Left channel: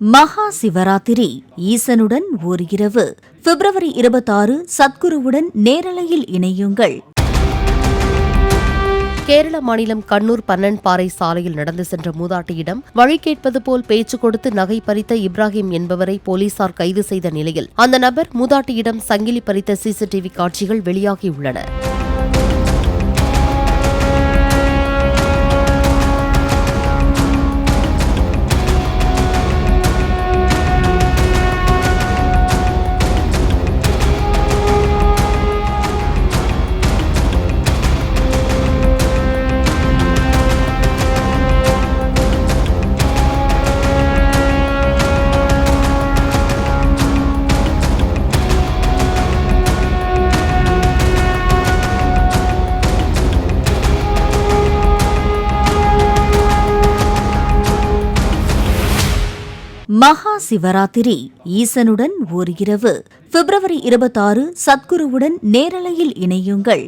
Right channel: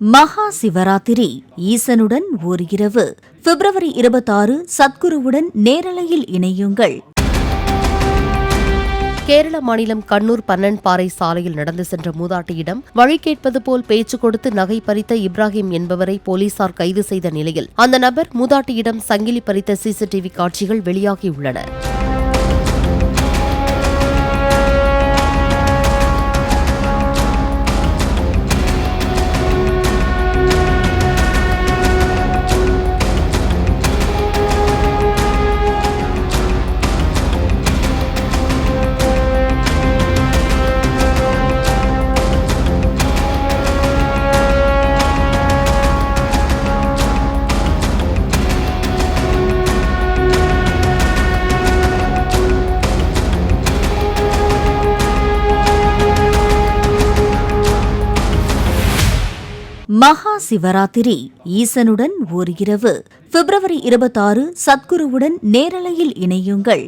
மகா சிவராத்திரி ஈசனுடன் ஓர் இரவு பிப்ரவரி 26 சத்குருவுடன் நேரலையில் இணையுங்கள். கேரள மாநிலம் கண்ணூர் பன்னன்பாறை சாலையில் நடந்து சென்ற மூதாட்டியிடம் வழி கேட்பது போல் பேச்சு கொடுத்து நகை பறித்த இப்ராஹிம் என்பவரை போலீசார் கைது செய்த நிலையில் அந்த நபர் மூதாட்டியிடம் சங்கிலி பறித்த சிசிடிவி காட்சிகள் வெளியாகியுள்ளன. மகா சிவராத்திரி ஈசனுடன் ஓர் இரவு பிப்ரவரி 26 சத்குருவுடன் நேரலையில் இணையுங்கள்.